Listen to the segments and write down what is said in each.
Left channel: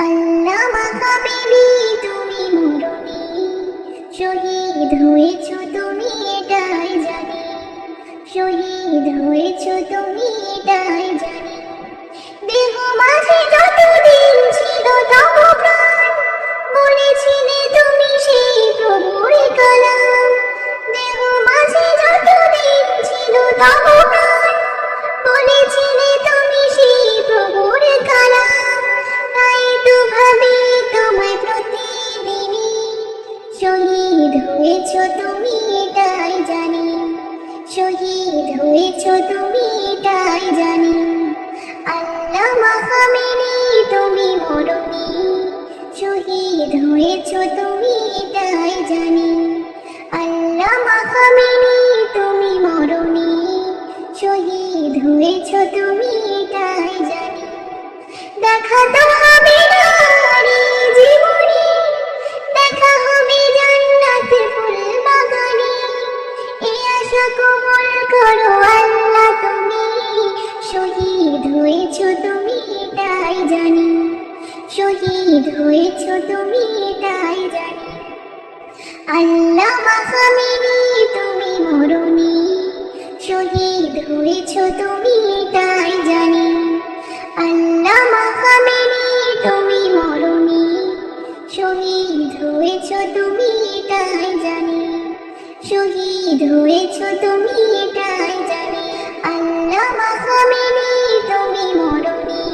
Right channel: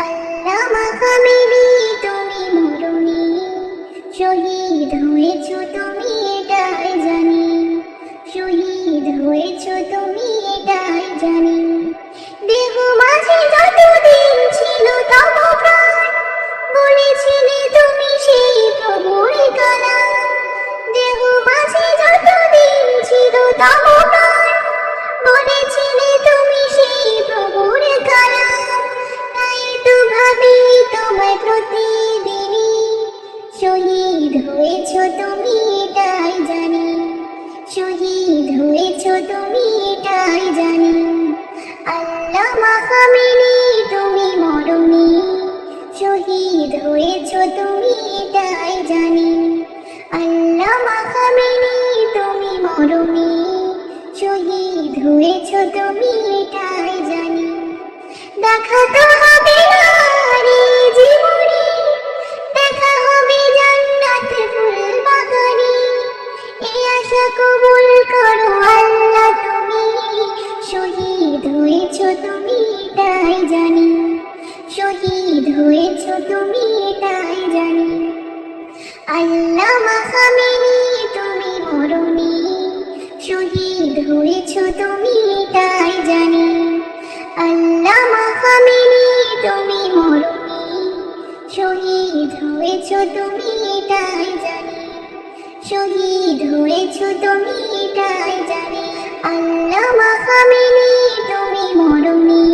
আল্লামা Khamenei তুমি মরণি, শহীদ হয়েছ তুমি এটাই জানি, শহীদ হয়েছ তুমি এটাই জানি। দেহ মাঝে যতদিন ছিল তব প্রাণ, বলেছিলে তুমি সেই প্রভুর কালাম। দেহ মাঝে যতদিন ছিল তব প্রাণ, বলেছিলে তুমি সেই প্রভুর কালাম। তাই তো ভাবি তোমায় প্রতিদিনই, শহীদ হয়েছ তুমি এটাই জানি, শহীদ হয়েছ তুমি এটাই জানি। আল্লামা খামেনি তুমি মরণি, শহীদ হয়েছ তুমি এটাই জানি। আল্লামা খামেনি তুমি মরণি, শহীদ হয়েছ তুমি এটাই জানি। দেখা তো হবে না রে জীবনে, দেখা হবে জান্নাতে ফুল বাগানে। এই আশা কবুল করো আল্লাহ তুমি, শহীদ হয়েছ তুমি এটাই জানি, শহীদ হয়েছ তুমি এটাই জানি। আল্লামা খামেনি তুমি মরণি, শহীদ হয়েছ তুমি এটাই জানি। আল্লামা খামেনি তুমি মরণি, শহীদ হয়েছ তুমি এটাই জানি, শহীদ হয়েছ তুমি এটাই জানি। আল্লামা খামেনি তুমি মরণি,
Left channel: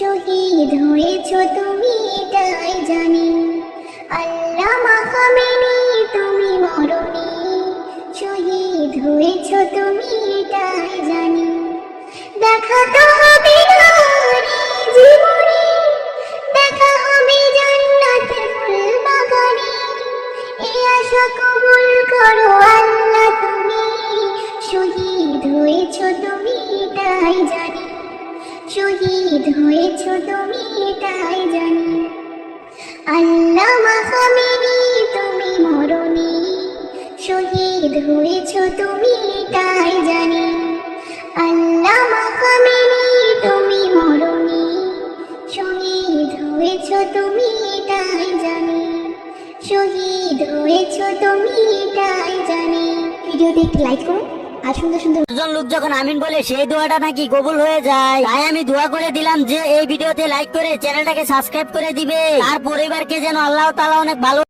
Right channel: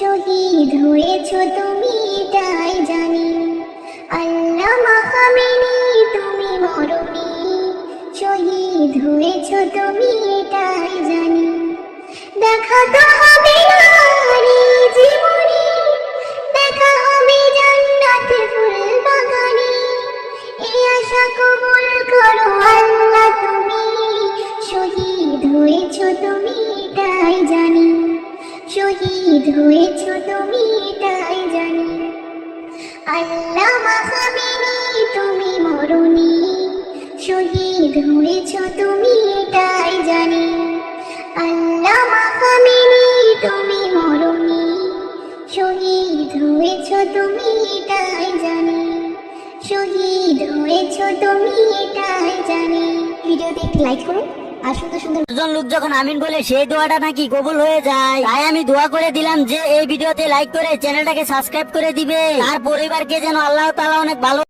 শহীদ হয়েছ তুমি এটাই জানি। আল্লামা খামেনি তুমি মরণি, শহীদ হয়েছ তুমি এটাই জানি। দেখা তো হবে না রে জীবনে, দেখা হবে জান্নাতে ফুল বাগানে। এই আশা কবুল করো আল্লাহ তুমি, শহীদ হয়েছ তুমি এটাই জানি, শহীদ হয়েছ তুমি এটাই জানি। আল্লামা খামেনি তুমি মরণি, শহীদ হয়েছ তুমি এটাই জানি। আল্লামা খামেনি তুমি মরণি, শহীদ হয়েছ তুমি এটাই জানি, শহীদ হয়েছ তুমি এটাই জানি। ভিডিওতে একটি লাইক করো আর সুন্দর সুন্দর লোক যখন আমিন বলে সেই দোয়াটা নাকি কবুল হয়ে যায়, তাই আমি দোয়া করে দিলাম যে এই ভিডিওতে লাইক করে চ্যানেলটাকে সাবস্ক্রাইব করে দিবে, তার পরিবারকে যেন আল্লাহ তাআলা অনেক ভালো